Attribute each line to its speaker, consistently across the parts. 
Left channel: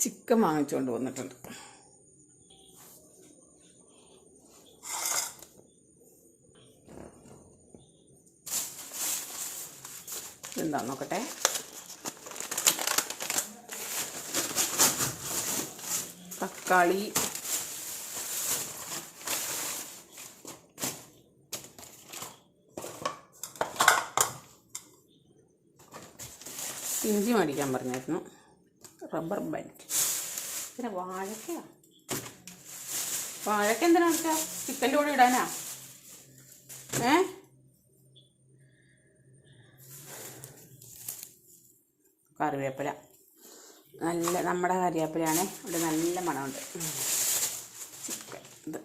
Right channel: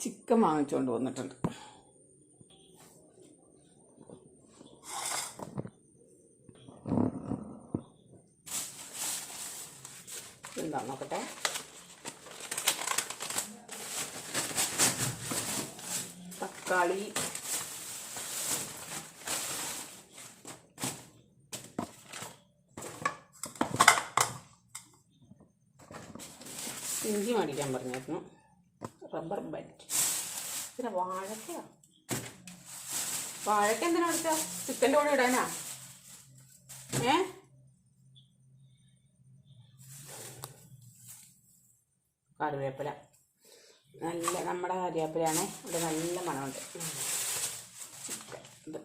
Speaker 1: Chicken വാങ്ങിച്ചുകൊണ്ട് വന്നിട്ടുണ്ട്. പിന്നെ വാഴക്ക വാഴക്ക എന്തിനാ അടിക്കുക ചിക്കന്റെ കൂടെ ഇടാനാ? ഏ? കറിവേപ്പില. നല്ല നമ്മുടെ കറിവേപ്പിലയാണ് ഇവിടെ നല്ല മണമുണ്ട്. ചിക്കൻ ഇത്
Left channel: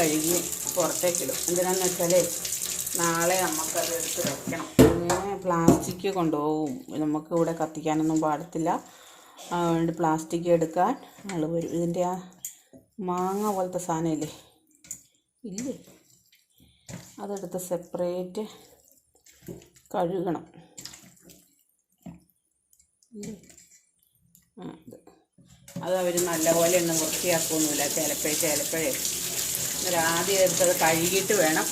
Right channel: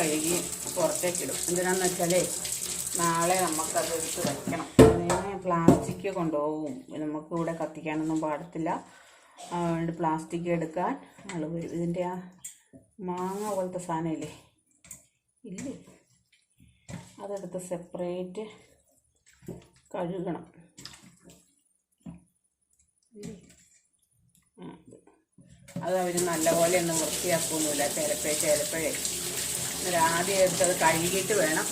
Speaker 1: കഴുകി പുറത്തേക്കിടും എന്തിനാന്ന് വെച്ചാലേ നാളെ നമുക്കത് എടുത്ത് വെക്കണം. പ്ലാസ്റ്റിക് കൊണ്ടുപോകും. നമുക്ക് ഇവിടെ കത്തിക്കാനൊന്നും പാടത്തില്ല. അതുകൊണ്ട് പ്ലാസ്റ്റിക് എടുക്കാൻ ആൾ വരും. ഇതിന്റെ ആ മാങ്ങ പോലത്തെ സാധനമില്ലേ? ഇല്ലേ? അതെടുത്ത് സെപ്പറേറ്റ് കഴുകണം. അത്. അവർ നല്ലപോലെ ഒന്ന് വൃത്തിയാക്കുന്നില്ല ചിലപ്പോഴേ ചിലപ്പോഴേ ഇത് ആദ്യം എടുത്തത് കഴുകിയിട്ട് വേണം.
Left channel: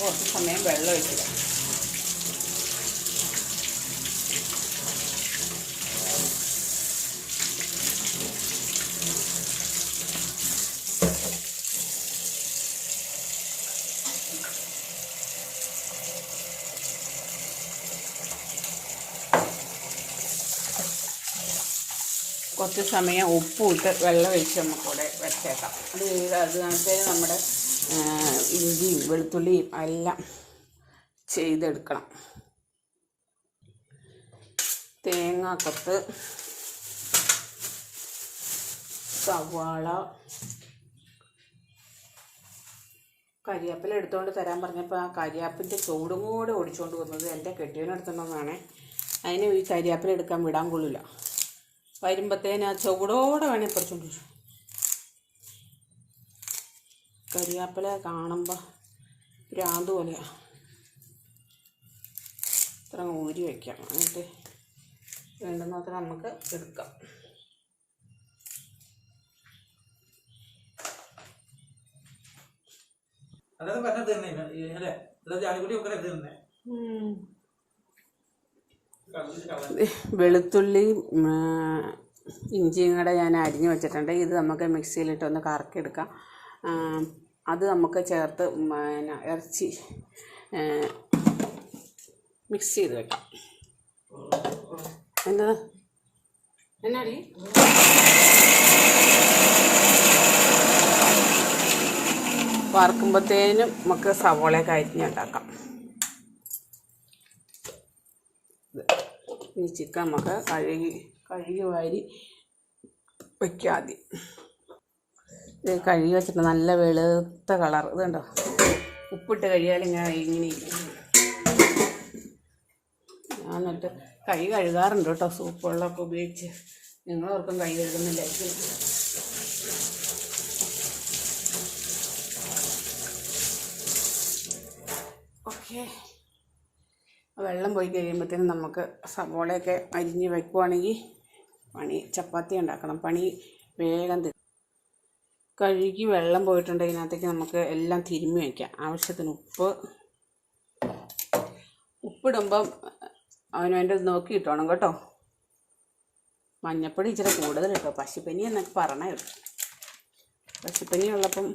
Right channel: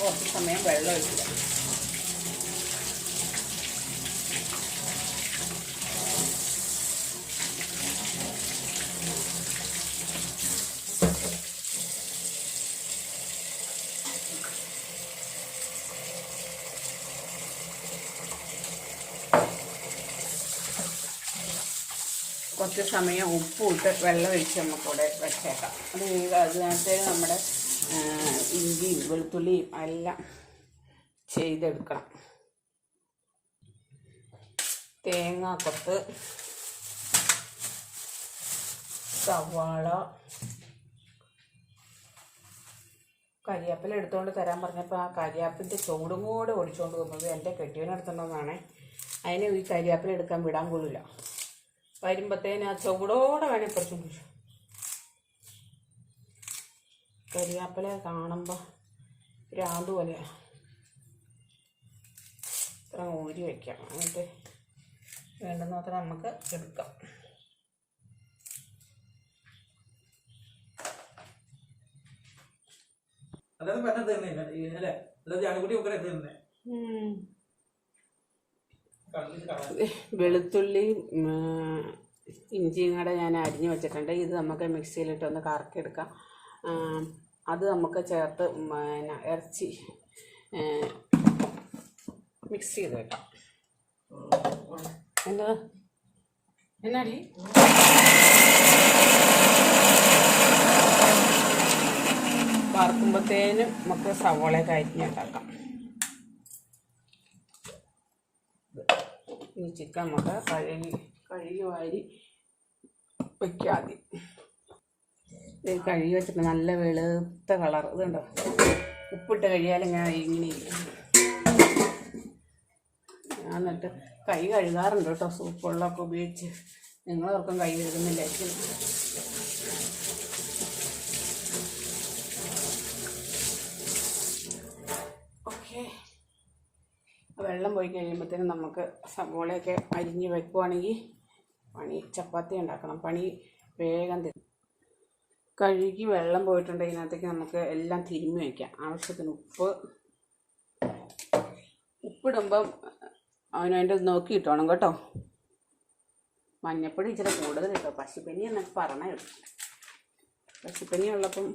Speaker 1: കുറച്ച് സമയം വെള്ളം ഒഴിക്കുക. കുറച്ച് സമയം ഉപ്പും ഇട്ട് വെള്ളം ഒഴിച്ച് നമുക്കിവിടെ വെച്ചേക്കാം. അത് അത് കണക്ക് നമ്മുടെ ഇഞ്ചിയും വെളുത്തുള്ളിയും എല്ലാം ചെയ്തെടുക്കണം. തേങ്ങാക്കത്ത് സവാള കരിയാപ്പില എടുത്തുകൊണ്ട് തരാൻ പറഞ്ഞപ്പോൾ ആ കരിയാപ്പിന്റെ ചൂടും കൂടെ ഓടിച്ചുകൊണ്ട് വന്നത് എന്റെ കെട്ടിയവനെടുത്തുണ്ടെന്നാണ് അതിനെ ഈ കരിയാപ്പില എടുക്കാൻ വിടാൻ കൊള്ളില്ല. വരുമ്പത്തേന് ആ ചൂടോടെ വേണേൽ പറിച്ചോണ്ട് വരും കരിയാപ്പില കാണുമ്പോൾ ഭ്രാന്ത് പോലെയാ. ഇത്ര ഊരി വയ്ക്കാം എന്നിട്ട് വേണ്ടുന്നത്ര നമുക്ക് എടുക്കാം.
Speaker 2: അല്ലാതെ പറഞ്ഞത് തന്നെ അല്ലേ? അല്ലാതെ ജാനിക്കുട്ടി ഒക്കെ തന്നെ.
Speaker 1: വെളുത്തുള്ളിയും ഇഞ്ചിയും കൂടെ ഞാൻ അരിഞ്ഞ് വെച്ചിട്ടുണ്ട്. ഇത് നമുക്ക് മിക്സിയിലിട്ട് ഒന്ന് കറക്കിയെടുക്കാം. അത് നമുക്ക് ചേർത്ത് പിന്നെ ഇറച്ചി മിക്സ് ചെയ്ത് വെക്കാം. എന്താ? എന്നാടി? വറുക്കുമ്പോഴത്തേനും നമുക്ക് സവോളയൊക്കെ അരിഞ്ഞുണ്ടാക്കാം ഇനി ചിക്കൻ നമുക്ക് കഴുകി കഴുകി വാരി വയ്ക്കാം ആദ്യം ഇത് കഴുകി വെച്ചിട്ട് നല്ല വെളുത്ത കളർ. ഇതുണ്ടോ ഉപ്പിട്ട് കഴിയാൽ ഇങ്ങനെ ഇങ്ങനെ. ഞാൻ എന്നിട്ട് കൈ കഴുകാറുണ്ട് കേട്ടോ. സൂപ്പ് വെള്ളമൊക്കെ ഉപയോഗിച്ച്. നിങ്ങളോർക്കും കൈ കഴുകുന്നില്ലായിരിക്കും ഓക്കേ വെള്ളം പോയി കഴിയുമ്പോഴത്തേനും നമുക്ക് സവോളയൊക്കെ അരിഞ്ഞ് വെക്കുവാണെങ്കിൽ പണി ചപ്പാത്തി ഉണ്ടാക്കണം. പണി വേഗം കഴുകി വെള്ളം പോയിട്ടുണ്ട് ഇതിനകത്തേക്ക് നമുക്ക് എല്ലാം തിരുമ്മി വയ്ക്കാം ആവശ്യത്തിന് ഉപ്പ്. ഉപ്പിടുമ്പം അവനവന്റെ നോക്കി ഇട്ടോണം കേട്ടോ. മഞ്ഞപ്പൊടി ഇച്ചിരി കൂടുതൽ കേട്ടോ പശുപ്പനി എന്നൊക്കെ പറഞ്ഞ പശുപ്പനി ഉള്ളപ്പം.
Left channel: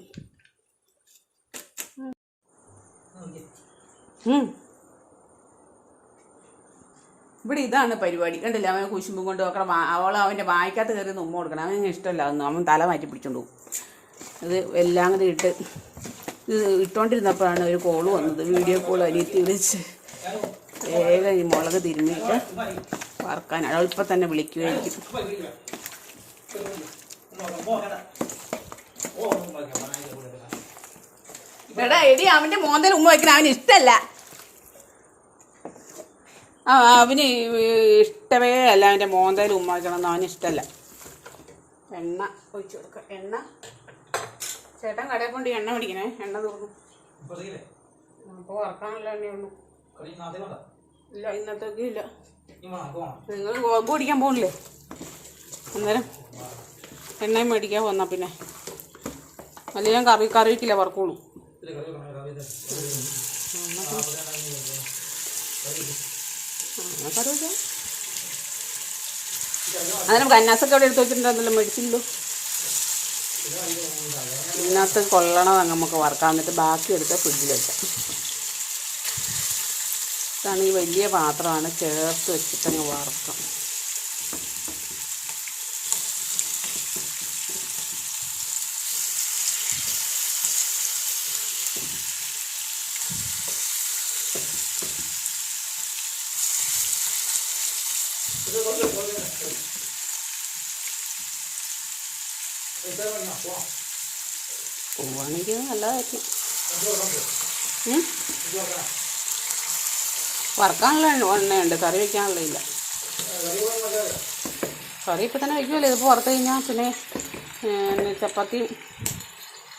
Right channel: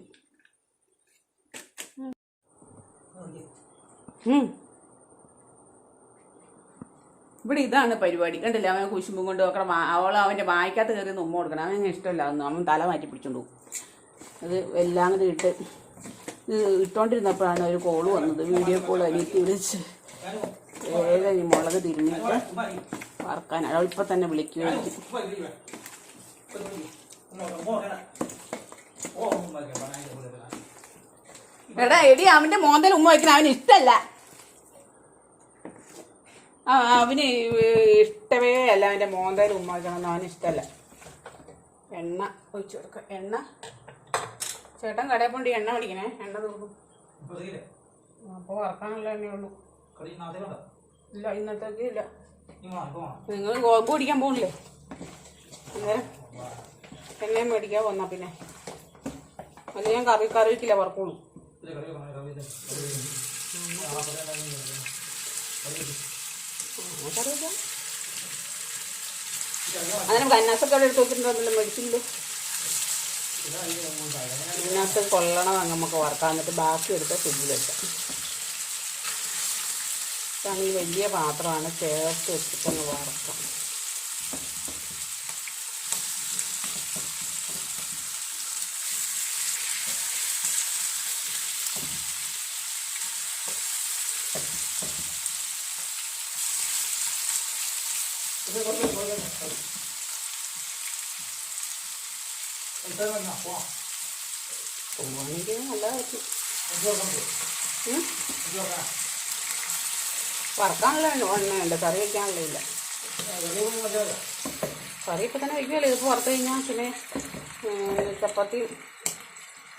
Speaker 1: ഇവിടെ ഇതാണ് പരിപാടി. കണ്ടില്ല? അവനെ കുശുമ്പും കൊണ്ട് ഒക്കെ അവൾ അവന്റെ വായിക്കാത്ത കയറി ഉമ്മ കൊടുക്കണം. അവന് ഇഷ്ടമല്ല. അതൊന്നും അവൻ തല മാറ്റി പിടിച്ചോണ്ട് പോകും. അത് എല്ലാം കൂടി ഇട്ട് ഇത് ഇട്ടോണ്ടിരുന്നപ്പോഴാണ് ഒരു കോൾ വന്നത്. വീഡിയോ കോൾ അനിയത്തി വിളിച്ച്. വേഗം ഈ മുളക് തിരിഞ്ഞിട്ട് വറക്കാൻ. അവൾ ഇപ്പം തന്നെ
Speaker 2: വിളിക്കുകയായിരിക്കും. ഒന്ന്.
Speaker 1: എടാ എടി അവന്റെ മോന്തൽ ഉമ്മ വയ്ക്കണം അവന് ഇഷ്ടല്ല. ആ അവന് ഇഷ്ടമേ അല്ല. അവന്റെ മോന്തയിൽ ഉമ്മ വയ്ക്കണമെന്ന് അവന് ഇഷ്ടമല്ല. എണ്ണ ഒഴിച്ചു കൊടുക്കുക എണ്ണ. ചേട്ടൻ കടയിൽ പോണ്ടി എണ്ണ മേടിക്കണേ. എണ്ണ തോന്നും
Speaker 2: കൊതിയില്ലേ?
Speaker 1: അപ്പോൾ വറക്കാനുള്ള എണ്ണയുള്ളൂ ഇല്ല ഇന്നത്തേക്ക് ഇല്ല. നിങ്ങൾ ഗോതമ്പ് പിടിക്കാൻ പോകില്ലേ അന്നേരം എണ്ണയും മേടിക്കാൻ വന്നാൽ പിന്നെ. അല്ല ഞാൻ കറി കറി വയ്ക്കില്ല വറക്കുള്ളൂ അങ്ങനെ ബന്നാസൊക്കെ അവിടെ എടുത്ത് വെച്ചിട്ടുണ്ടല്ലോ മേടിച്ചില്ലോ ഇതിനകത്ത് കൊള്ളണം നമുക്ക് വറക്കാൻ. എന്നിട്ട് ബാക്കി എടുത്ത് ഫ്രിഡ്ജിൽ വെക്കാം. ഇതാണ് ഈ വലിയ പാത്രമാണ്. ചേർത്ത് വെച്ചിട്ടങ്ങ് വറക്കാം
Speaker 2: ഇത് കുറച്ച് കുറച്ച് കറി. ഇത് വേണം, പോവാം.
Speaker 1: പോവാണെങ്കിൽ നല്ലതായിരിക്കും? വറക്കാനുള്ള എണ്ണയുണ്ട് കറി വയ്ക്കാനുള്ള ഇല്ല.
Speaker 2: കറി
Speaker 1: ഇപ്പം തന്നെ വയ്ക്കുമല്ലോ ഇതിപ്പോൾ വറുത്ത് കഴിഞ്ഞാൽ പിന്നെ ചപ്പാത്തി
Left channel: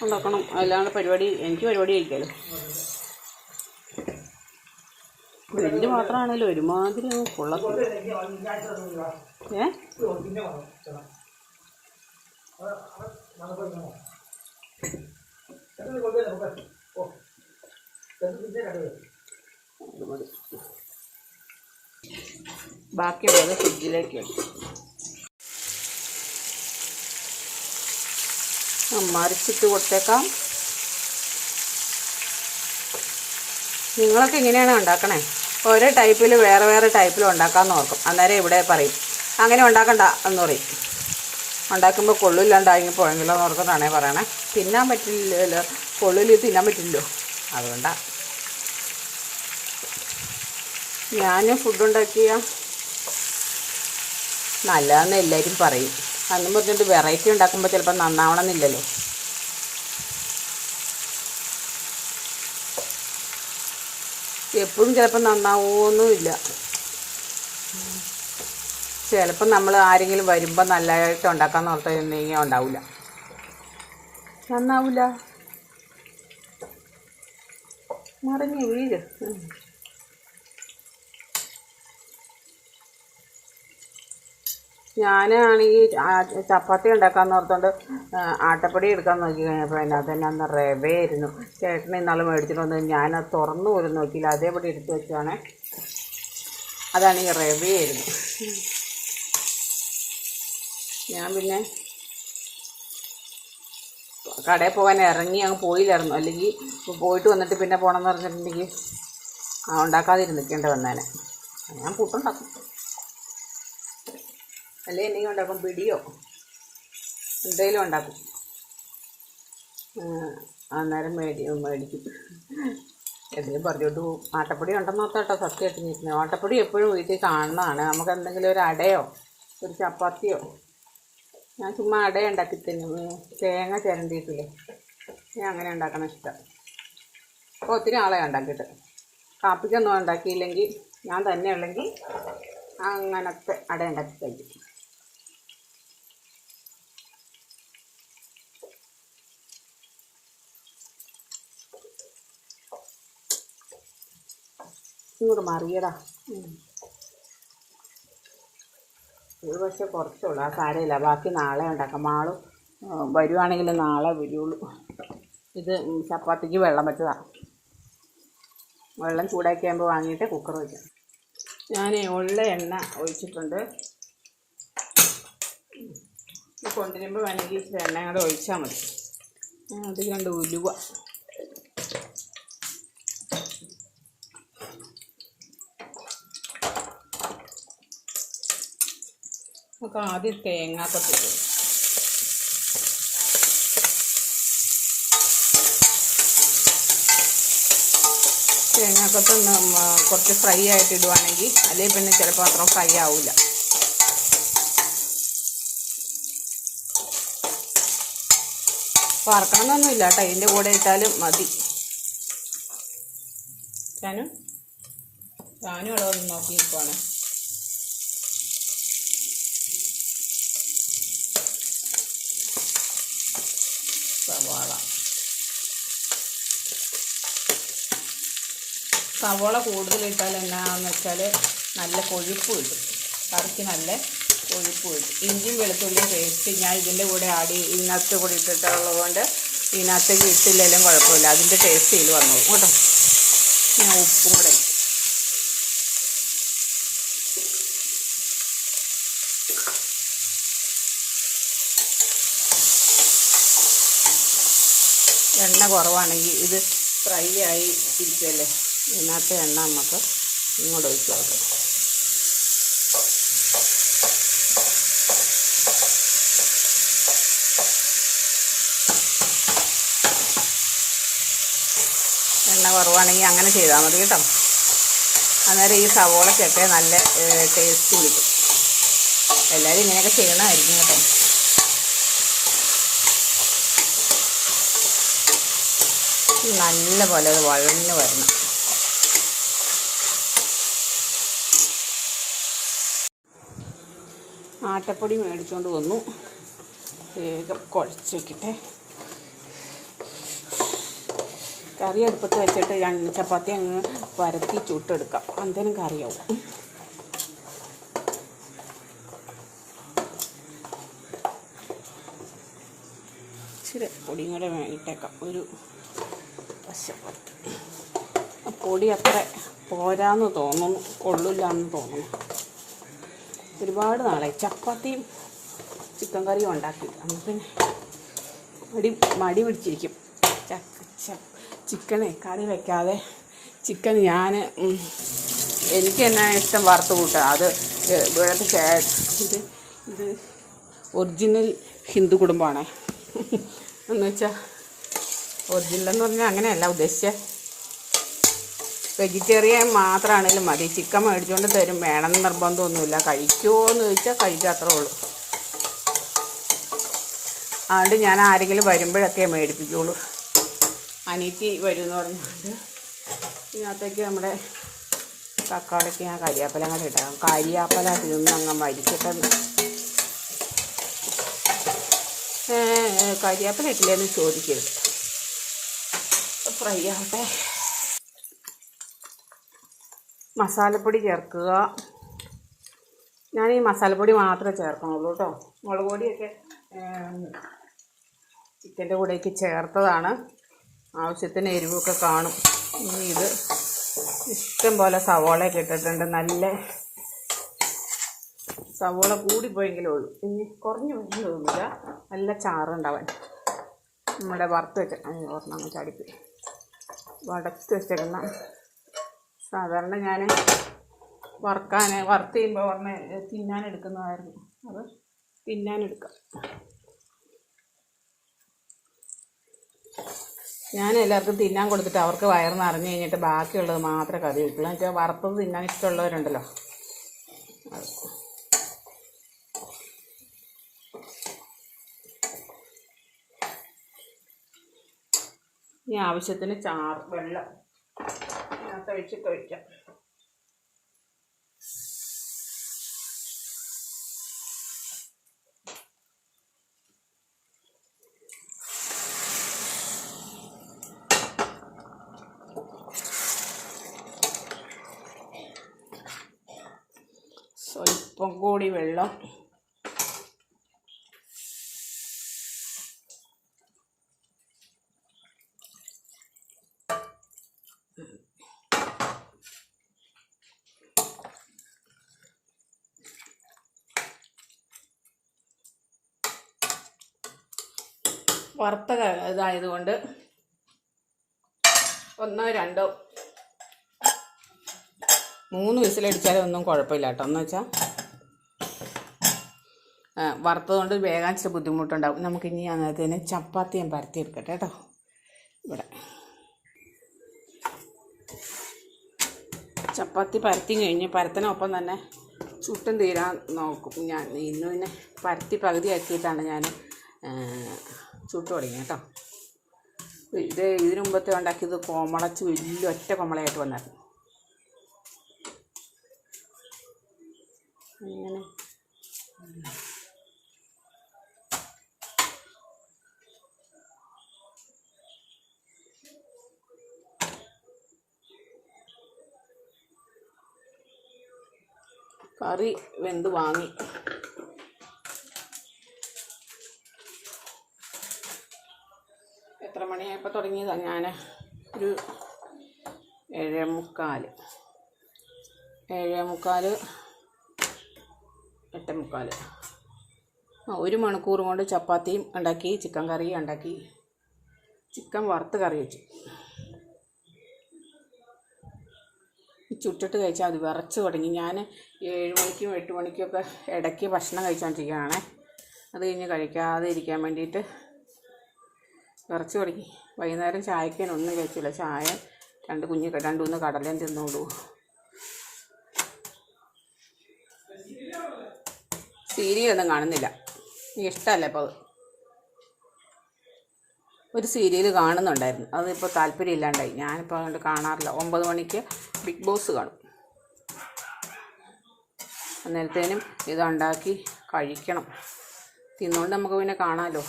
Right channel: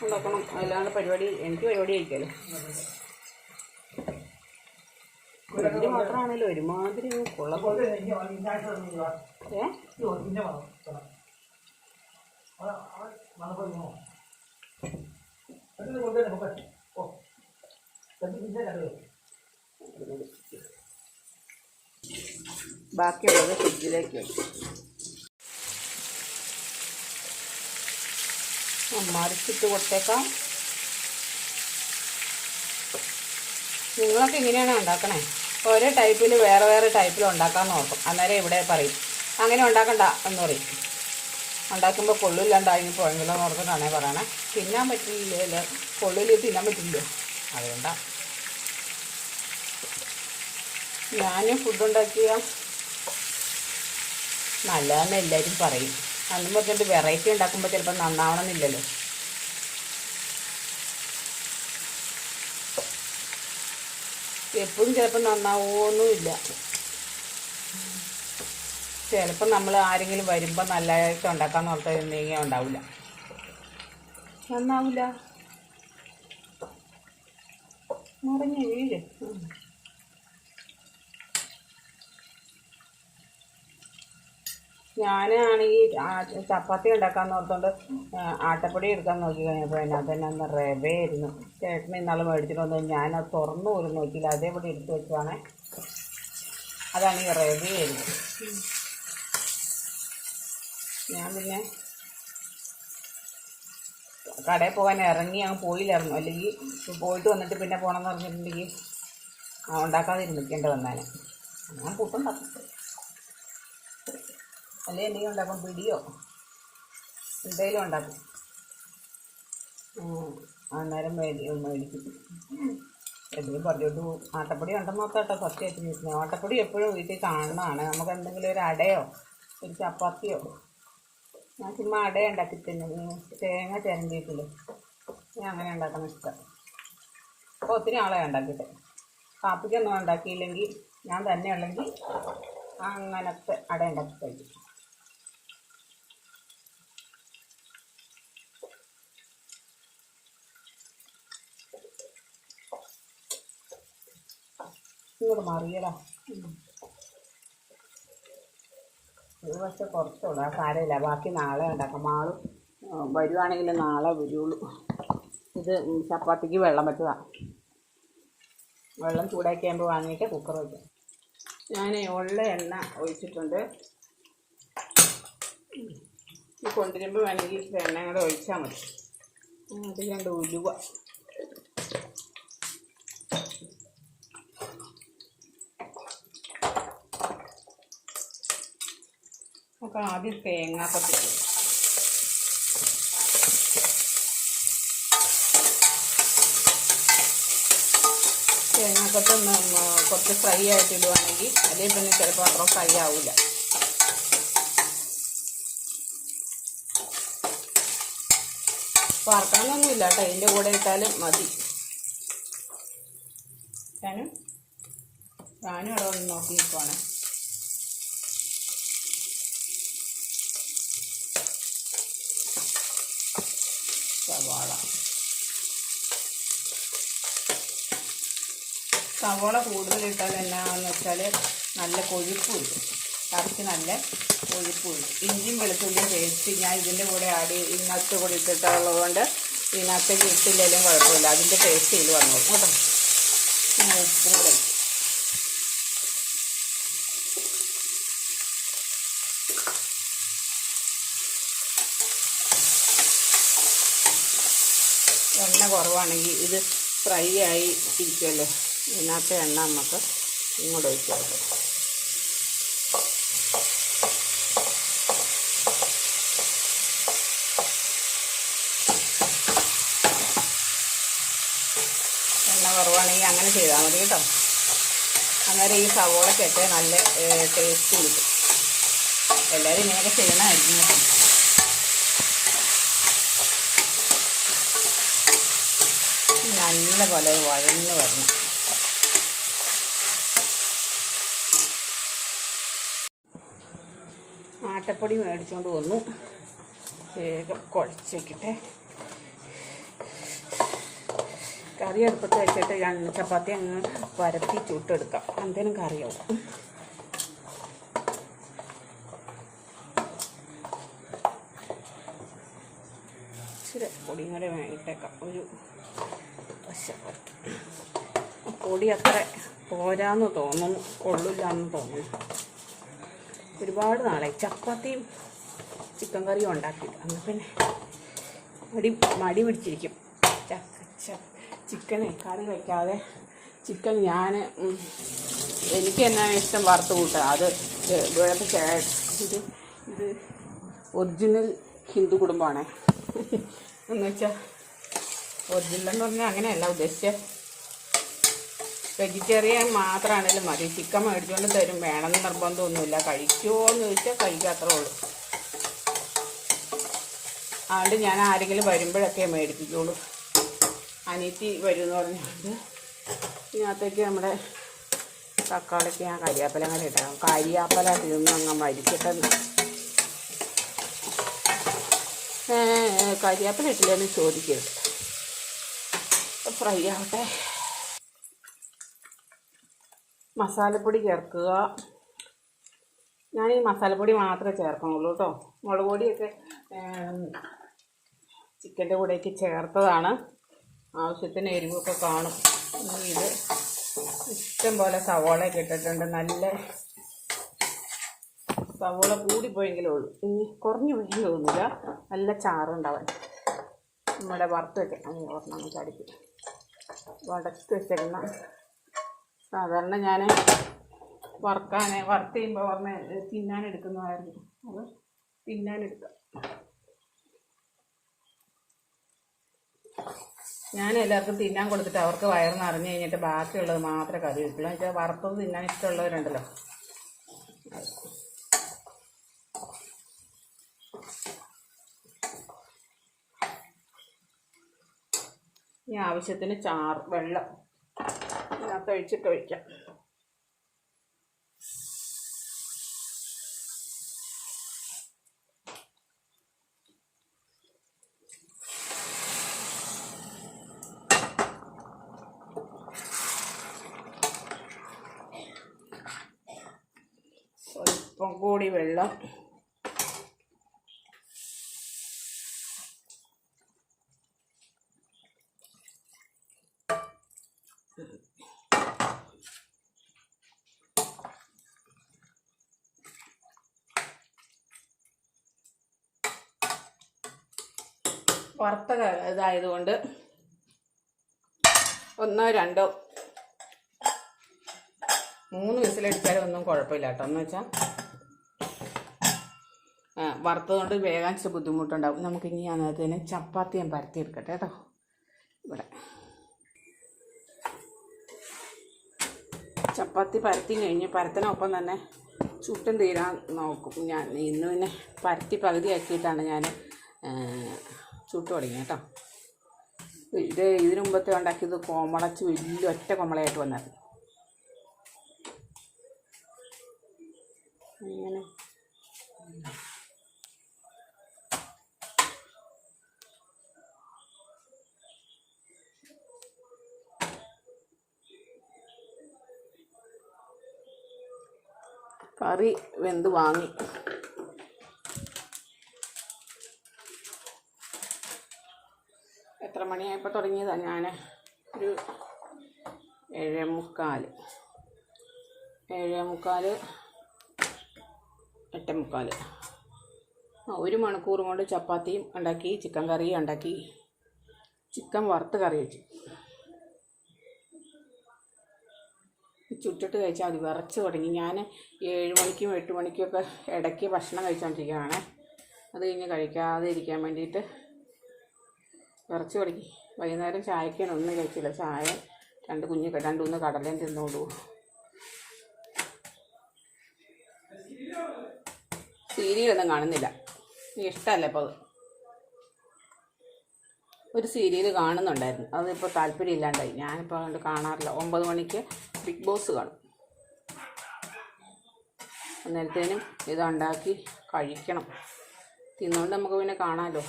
Speaker 1: ഉണ്ടാക്കണം. അല്ലാണ്ട് പരിപാടി എനിക്ക് പരിപാടി കഴിക്കാമല്ലോ വലിയ മാത്രമാണല്ലോ. ഒരുമാതിരി കൊള്ള. ഏ? ബാക്കിയുള്ളത് ഫ്രിഡ്ജിലേക്ക് മറിച്ചിട്ട് കൊടുത്തേക്കാം. നിങ്ങളൊക്കെ ഇങ്ങനെയാണ് ഉണ്ടാക്കണേ? ഓരോ ടൈപ്പിൽ വേറെ വേറെ ടൈപ്പിൽ ഉണ്ടാക്കാമെന്ന് ഓർക്കും. അന്നേരം ഇവിടെ പറയും അങ്ങനെ ഉണ്ടാക്കണ്ട എന്ന് പറയും. ഉണ്ടാക്കുമ്പോൾ കൊള്ളില്ലാണ്ടായി പോയെങ്കിലോ എന്ന് ഓർക്കുന്നതാണേ പറയണേ. തിന്നാൻ പറ്റില്ലല്ലോ. കൊള്ളിൽ തിന്നാൻ പറ്റില്ലല്ലോ. അതുകൊണ്ടാണ് ഞാൻ ഫുഡുണ്ടാക്കിയ നല്ലതെന്ന് എല്ലാവരും പറയും. അന്നും പറഞ്ഞിട്ട് വെറൈറ്റി ഉണ്ടാക്കുമ്പോൾ ചിലപ്പോൾ നന്നാവണമെന്നില്ലല്ലോ. എപ്പോഴും ചിലപ്പോൾ നന്നാവുമൊന്നുമില്ല ചിലപ്പോൾ നമ്മൾ ആരെങ്കിലും വരുമ്പോൾ നല്ലതായിട്ട് ഉണ്ടാക്കാമെന്ന് ഓർത്തുണ്ടെങ്കിൽ ഉണ്ടാവില്ല നന്നാവില്ല മറിഞ്ഞ ഉം. ഞാനാണെങ്കിൽ ചപ്പാത്തി ഉണ്ടാക്കാൻ ഓർത്തോണ്ട് ആട്ടപ്പൊടി എടുക്കാൻ നോക്കി കഴിഞ്ഞപ്പോൾ അതിനകത്ത് തന്നെ അന്ന് റവയായിരുന്നു ചേട്ടൻ ഇന്നാൾ മേടിച്ചിട്ട് വന്ന് അത് തുറന്നു പോലും നോക്കിയില്ല. അതേപടി എടുത്ത് വെച്ചാണ്. അതാണ് ഈ റവയായിരുന്നു ഞാൻ പിന്നെ കടയിൽ പോകാൻ ഇറങ്ങി അങ്ങ് പോയില്ലായിരുന്നു. അല്ലെങ്കിൽ പോയിട്ട് വന്നിട്ട് പിന്നെ പോകണമെന്ന് പറഞ്ഞിട്ടുണ്ടെങ്കിൽ ആ ഉണ്ടാക്കാതിരുന്ന് നിൽക്കേണ്ടി വന്നേനെ. ഞാൻ കൂട്ടുണ്ടാക്കും. അല്ലേ എന്തെങ്കിലും ഉണ്ടാക്കും? പിടിയോ? എന്തെങ്കിലും ഉണ്ടാക്കും. അന്നേരം മേടി മേടിക്കും. എന്തെങ്കിലും പറഞ്ഞോട്ട് പോകും. ആട്ടപ്പൊടി ഉണ്ടെന്ന് ഓർത്തേട്ടോ സത്യമായിട്ട് നിൽക്കുന്നത് ആട്ടപ്പൊടി എപ്പോഴും വീട്ടിൽ കാണുന്നതാണ്. നമുക്ക് എന്തെങ്കിലും ഒരു അടയോ ഒരു ചപ്പാത്തിയോ ഞാൻ ചുമ്മാ അട ഉണ്ടാക്കി തന്നെ. തേങ്ങ ചിരണ്ടിയിട്ടില്ലേ. ഞാൻ അങ്ങനെ ഉണ്ടാക്കണം ഇഷ്ടം. അപ്പോൾ ഒത്തിരി ആളെ ഉണ്ടാക്കിയിട്ട്. കാപ്പിക്കൊന്നും ഉണ്ടാക്കിയില്ലെങ്കിൽ ഞാൻ തന്നെ ഉള്ളെങ്കിൽ അങ്ങനത്തെ അട ഉണ്ടാക്കി കഴിക്കും. ഇങ്ങോട്ട് മറിയടാ. ഇത് പക്ഷേ കുറച്ചുള്ളൂ. ആ സാരമില്ല. ബാക്കി നാളെ ഉണ്ടാക്കാം. മാളും വരുവാണെങ്കിൽ നാളെ വരുള്ളൂ. ഇത് ചപ്പാത്തിക്ക് വെള്ളം വെച്ചതാണ് വെള്ളം ചൂടാക്കി ആകുമ്പോൾ വാങ്ങിയിട്ട് കുക്കർ വെക്കാം. ഞാൻ ഉള്ള എണ്ണ ഒഴിച്ചിട്ടുണ്ട്. കൊണ്ടുവരുമ്പോൾ വേണമെങ്കിൽ എണ്ണ കൂടെ ഒഴിച്ചാൽ മതി. അത് രണ്ട് ഉലുവ. നമുക്ക് ആദ്യം തേങ്ങാക്കൊത്ത്. തേങ്ങാക്കൊത്ത് കുറച്ച് ഫ്രൈ ആയിട്ട് ഇടുവാണെങ്കിൽ അല്ലെങ്കിൽ പിന്നെ ചിലപ്പോൾ അത്ര ഫ്രൈ ആവില്ല വറക്കണമെന്നൊന്നുമില്ല കേട്ടോ. അതിന്റെ കൂടെ ഇട്ടാലും മതി. ഞാനും ഞാനും ഇവിടെ ഒന്ന് നോക്കി നിൽക്കുവാണ് സവാള സവാള കൂടുതൽ ഇട്ടാൽ എന്നാണെന്ന് വെച്ചാൽ നല്ല കൊഴുപ്പ് കിട്ടും കറിക്ക് നല്ല കൊഴുപ്പ് കിട്ടും ഇഞ്ചിയും വെളുത്തുള്ളിയും പേസ്റ്റ് ഞാൻ ഇതിന്റെ കൂടെ ആഡ് ഇതിനകത്ത് കൂടി ഇട്ടിട്ടുള്ളത് കൊണ്ട് ഇതിനകത്തേക്ക് ഇട്ടില്ലെങ്കിലും കുഴപ്പമില്ല. അതിന്റെ ടേസ്റ്റ് ഇതിൽ വന്നു. കേട്ടോ? ഞാൻ ഉപ്പും കൂടെ എണ്ണ കുറവാണെങ്കിൽ ഇത് ഫ്രൈ ആയി ഇരിക്കുമല്ലോ. ഇതിനകത്തെ എണ്ണ നമുക്ക് ഇങ്ങോട്ട് ഒഴിച്ചു കൊടുക്കാം എണ്ണ കുറവാണെങ്കിൽ അങ്ങനെ ചെയ്താൽ മതി കേട്ടോ. അന്നേരം ഈ സവോളക്കൊക്കെ നല്ല ടേസ്റ്റ് കിട്ടും. എല്ലാവരും ഇങ്ങനെയൊക്കെ ചെയ്യണമായിരിക്കും കേട്ടോ. നല്ല പോലെ വഴന്ന് വരണം. ആട്ടപ്പൊടി മേടിച്ചുകൊണ്ട് വന്നു. വേഗം കുഴച്ച് കറി എടുപ്പത്ത് വെച്ചിട്ട് രണ്ട് ചപ്പാത്തി അങ്ങ് പരത്തി ചുട്ടെടുക്കാം. അന്തേനും കറിയാവും. ഇച്ചിരി പൊടിയും കൂടെ വേണ്ടിട്ടേക്കാം ഒരു പശപ്പൊടി പൊടി അത്ര പോരാന്ന് തോന്നുന്നു കൊള്ളില്ല എന്ന് തോന്നുന്നു. ഒരുപാട് നാളായി. ചപ്പാത്തിയും ചിക്കൻ കറിയും ഉണ്ടാക്കി. അന്ന് പിന്നെ മടി മടി പിടിച്ചിരിക്കും. ചക്ക ചിക്കനെ കറി വെക്കാതെ ചിക്കൻ ഞാൻ എനിക്ക് എന്നാ ഇഷ്ടം വറുത്ത് കൂട്ടുക അത് ഇവിടുത്തെ ഇത് ഇത് ഒറിജിനൽ ഹിന്ദു കുടുംബമാണ്. എന്ന് വെച്ചാൽ ഒറിജിനൽ എന്ന് പറഞ്ഞാൽ അങ്ങനെയല്ല ഉദ്ദേശിച്ചത് വെജിറ്റേറിയൻ മാത്രമാണെങ്കിലും മതി. ചിക്കൻ മേടിച്ചുകൊണ്ട് തരും. വേണമെന്ന് നിർബന്ധമൊന്നുമില്ല. കഴിക്കുമോ എന്ന് ചോദിച്ചാൽ കഴിക്കാത്രേ ഉള്ളൂ. അതുകൊണ്ട് ഞാൻ ആരെങ്കിലും വരുമ്പോഴൊക്കെ മേടിപ്പിക്കുള്ളൂ. അനീറ്റി വരും എന്ന് പറഞ്ഞുകൊണ്ട് ഇതിനകത്തേക്ക് നമ്മുടെ തക്കാളിക്ക് ഞാൻ കരിയാപ്പലം കൂടെ ഇട്ടാകും കരിയാപ്പല തിന്ന് അങ്ങ് മരിച്ചിട്ടെന്ന് ഏ, ഏ, കരിയാപ്പല ഇട്ടില്ലെന്ന് ചോദിക്കരുത്. ഫ്രൈ ആവട്ടെ. മസാലപ്പൊടി ചേർക്കുക. ഞാൻ ഈ മസാലപ്പൊടി മാത്രമേ ചേർക്കണുള്ളൂ കേട്ടോ. മുളക് പൊടിയൊക്കെ ചിക്കന്റെ കൂടെയൊക്കെ ചേർത്തതാണ്. ആവശ്യത്തിന് എരിവൊക്കെ കാണും. ഇനി ഇത് ഇഷ്ടം പോലെ സവോളയൊക്കെ ഇട്ടിട്ടുണ്ട്. നല്ല സവോള കൂടിപ്പോയെങ്കിലേ ഉള്ളൂ. ഇനി കുറഞ്ഞു പോയെങ്കിലും തോന്നില്ല നല്ല ചാറുണ്ടാവാൻ. നമ്മുടെ വറുത്ത് വെച്ച ഒരെണ്ണം ചടിപ്പ് വടച്ച് വെച്ചേക്കുന്ന സാധാരണ ഞാൻ വറുക്കാൻ വറുത്ത് ചെയ്യുമ്പോൾ പറഞ്ഞ തിന്നാൻ എടുക്കുന്നതായിരുന്നു അത് തിന്നാൻ എടുക്കാം ഞാൻ എല്ലാവർക്കും തിന്നാൻ കൊടുത്തിട്ട് അവർക്ക് വയറ് നിറഞ്ഞു കഴിഞ്ഞിട്ട് ബാക്കിയുള്ളത് മാത്രമേ കറി കിട്ടുള്ളൂ എന്ന് വെച്ചാൽ വറുത്തത് തിന്നാൻ ഇഷ്ടമുള്ളവരുണ്ടല്ലോ. ഇനി ആവശ്യത്തിന് ചാർ വെള്ളം. 对这个人，വറുത്ത ഇതായതുകൊണ്ട് ഒന്നോ രണ്ടോ മൂന്ന് വിസിലടിച്ചാലും ഒന്നും കുഴപ്പമില്ല കേട്ടോ. എന്ന് വെച്ചാൽ വറുത്തതുകൊണ്ട് വേഗം ഇച്ചിരി ബുദ്ധിമുട്ടുണ്ടാവും. നമുക്കിനി അന്നേരത്തിന് ചപ്പാത്തി ഞാൻ പരത്തി എടുക്കട്ടെ കേട്ടോ. ഇവിടെ. ചപ്പാത്തി പരത്തി കഴിഞ്ഞ് പരത്തിനൊപ്പം തന്നെ ചുട്ടും തീരാൻ നോക്കും ഞാൻ. ഇന്ന് പിന്നെ പരത്തി പകുതി ആക്കിയിട്ടാണ് ഞാൻ ചുട്ടു തുടങ്ങി കേട്ടോ. ഇത് ഇതിനു മുമ്പത്തെ ഉണ്ടാക്കിയത് കോമളച്ച് വലിയ ഒറ്റ കോമളയായിട്ട് വന്നായിരുന്നു അങ്ങനെ. കറി വെന്ത് വാങ്ങി. എത്ര മണിയായപ്പോൾ തുടങ്ങിയതാണ് ഞാൻ ഒരു ഏഴേ മുക്കാൽ ഏഴേ മുക്കാൽ എട്ടേ മുക്കാൽ ആ ഒരു മണിക്കൂർ കൊണ്ട് ചപ്പാത്തിയും ഉണ്ടാക്കി ചിക്കൻ കറിയും ഉണ്ടാക്കി. ചിക്കൻ വറുത്ത് കറി വെച്ചു. ചുട്ടിട്ട് കഴിച്ചാൽ അത് വിറച്ച് തുടങ്ങി. ഞാൻ ഏഴ് മണിക്കും എട്ട് മണിക്കും ഒക്കെ ഇടയ്ക്ക് ഭക്ഷണം കഴിച്ചുകൊണ്ടിരിക്കുകയാണ് അത് കഴിഞ്ഞ് കഴിക്കാതെ ഇരിക്കാൻ വേണ്ടിയിട്ട് വിറച്ച് തുടങ്ങി. വൈകുന്നേരം ചായക്കാൻ ഒന്നും കഴിച്ചില്ല. ചായ രണ്ട് കുഞ്ഞ് രണ്ടു ഒന്ന് മൂന്ന് കടലയും തിന്നോളൂ സീരിയലൊന്നും കാണുന്നില്ല. ഇഷ്ടമല്ല ഇപ്പോൾ അത് ഒരു സീരിയൽ കാണുന്നുണ്ടായിരുന്നു. അതിപ്പോൾ താല്പര്യം ഇല്ലാണ്ടായി. ഞാനിപ്പോൾ അതുകൊണ്ട് കാണാറില്ല. ഒമ്പത് മണിക്ക് ബിഗ് ബോസ് കാണും. അന്നേരത്തേനും ഇതുണ്ടാക്കി കഴിക്കണം. തിന്നുകൊണ്ട് നമുക്ക് പിന്നെ കാണാമല്ലോ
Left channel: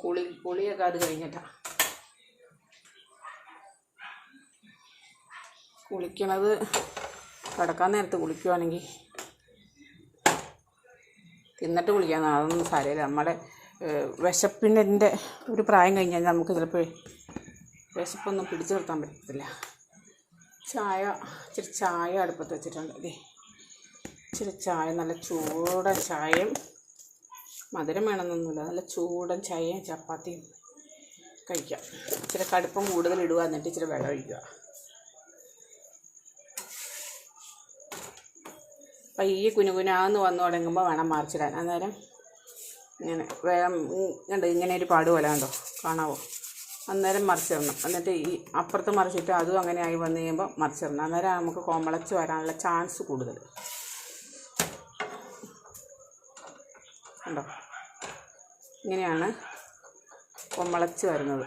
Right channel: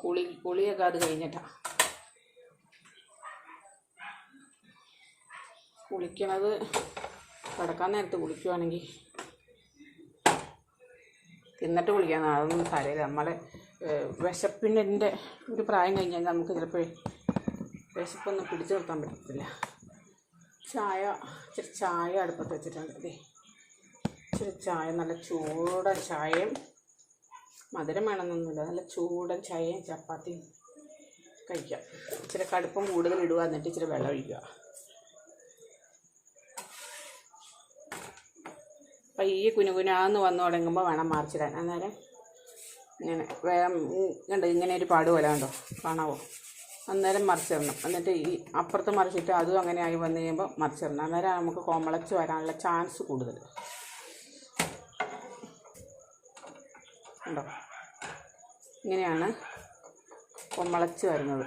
Speaker 1: കുളി കുളിയൊക്കെ അത് കഴിഞ്ഞിട്ടാണ് കുളിക്കണത് കിടക്കാൻ നേരത്ത് കുളിക്കുവാണെങ്കിൽ തിന്നിട്ട് കുളിക്കാൻ അതൊന്നും സാരമില്ല. നമ്മുടെ വിശപ്പിന്റെ ഒരു പ്രായം കഴിഞ്ഞാൽ നമുക്ക് ചിലപ്പോൾ വിശപ്പൊന്നും പിടിച്ചു നിർത്താൻ പറ്റത്തില്ല. ചായ ഇച്ചിരി ചായ അടുപ്പത്ത് വെച്ചിട്ടുണ്ട്. അതെ ഇച്ചിരി ചായ നല്ല ചൂട ചായയും മധുരം വേണമെന്നൊന്നുമില്ല. നല്ല ചൂടൻ ചായയും ചപ്പാത്തിയും കഴിക്കാം. ഇച്ചിരി കടുപ്പം കൂടുതൽ ഇടുക എന്നിട്ട് ഇച്ചിരി വെള്ളം ഒഴിക്കുക. പയ്യെ കുനുകുനാന്ന് വന്നു തുടങ്ങുമ്പോൾ വേണം മറിച്ചിടാൻ. അന്നേരം ഇങ്ങനെ വേഗം കണ്ടോ ഇങ്ങനെ ഒരു പാട് പോലെ കണ്ടോ? കാണാവോ? അന്നേരം മറിച്ചിടണം. എന്നിട്ട് ഈ അപ്പുറത്ത് മറിച്ചിട്ട് അതും അങ്ങനെ ആയി വന്നു കഴിയുമ്പോൾ മറിച്ചിടണം. അന്നേരം നമുക്ക് കോമളച്ച് വരാനുള്ള ചാൻസ് കൂടുതൽ. കണ്ടോ? ഇങ്ങനെയാണ് കൊമ്മളച്ച് വരുന്നത്.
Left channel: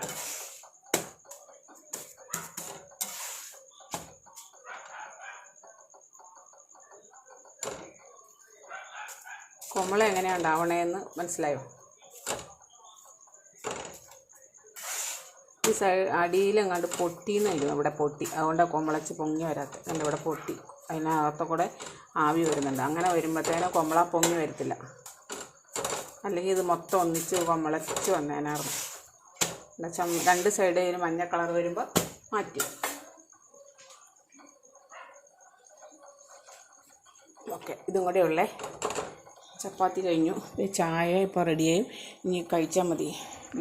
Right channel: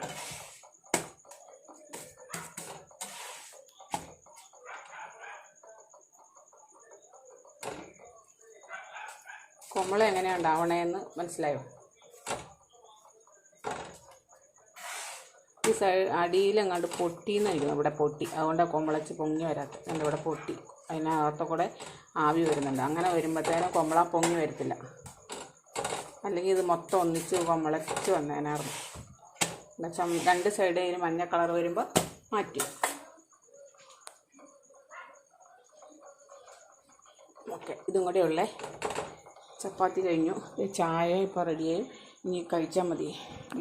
Speaker 1: കൊമ്മള എങ്ങനെയാണ് ഉണ്ടാവണേന്ന് മനസ്സിലായോ? ഈ സൈഡ് അടിയിലെങ്ങാണ്ട് പൊട്ടിന്ന് ഇരിക്കുന്നു ഇവിടെ പൊട്ടി. അതുകൊണ്ടാണ് കൊമ്മളച്ച് പൊങ്ങി വരാത്തത് എന്റെ ഇവിടെ പൊട്ടി. അതിനകത്ത് കൂടെ ആവി വരുന്നുണ്ട്. അങ്ങനെ വരുമ്പോഴത്തേനും കൊമ്മള പൊങ്ങി വരത്തില്ല. അല്ലെങ്കിൽ ഇത് മൊത്തം ഒന്നിച്ച് മുളച്ച് വന്നേനായിരുന്നു. ചം രണ്ട് സൈഡ് ഇതിന് മഞ്ഞ കളർ വരുമ്പോൾ മാറ്റി. ഓക്കെ ഇതും കൂടെ ഉള്ളേ. ചപ്പാത്തി കഴിഞ്ഞു. ചായ ഇപ്പോൾ റെഡിയായും ഇനി കഴിച്ചാൽ മതി.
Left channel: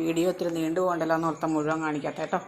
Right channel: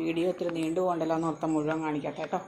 Speaker 1: വീഡിയോ ഒത്തിരി നീണ്ടു പോകണ്ടല്ലോ എന്ന് ഓർത്താൽ മുഴുവൻ കാണിക്കട്ടെ കേട്ടോ.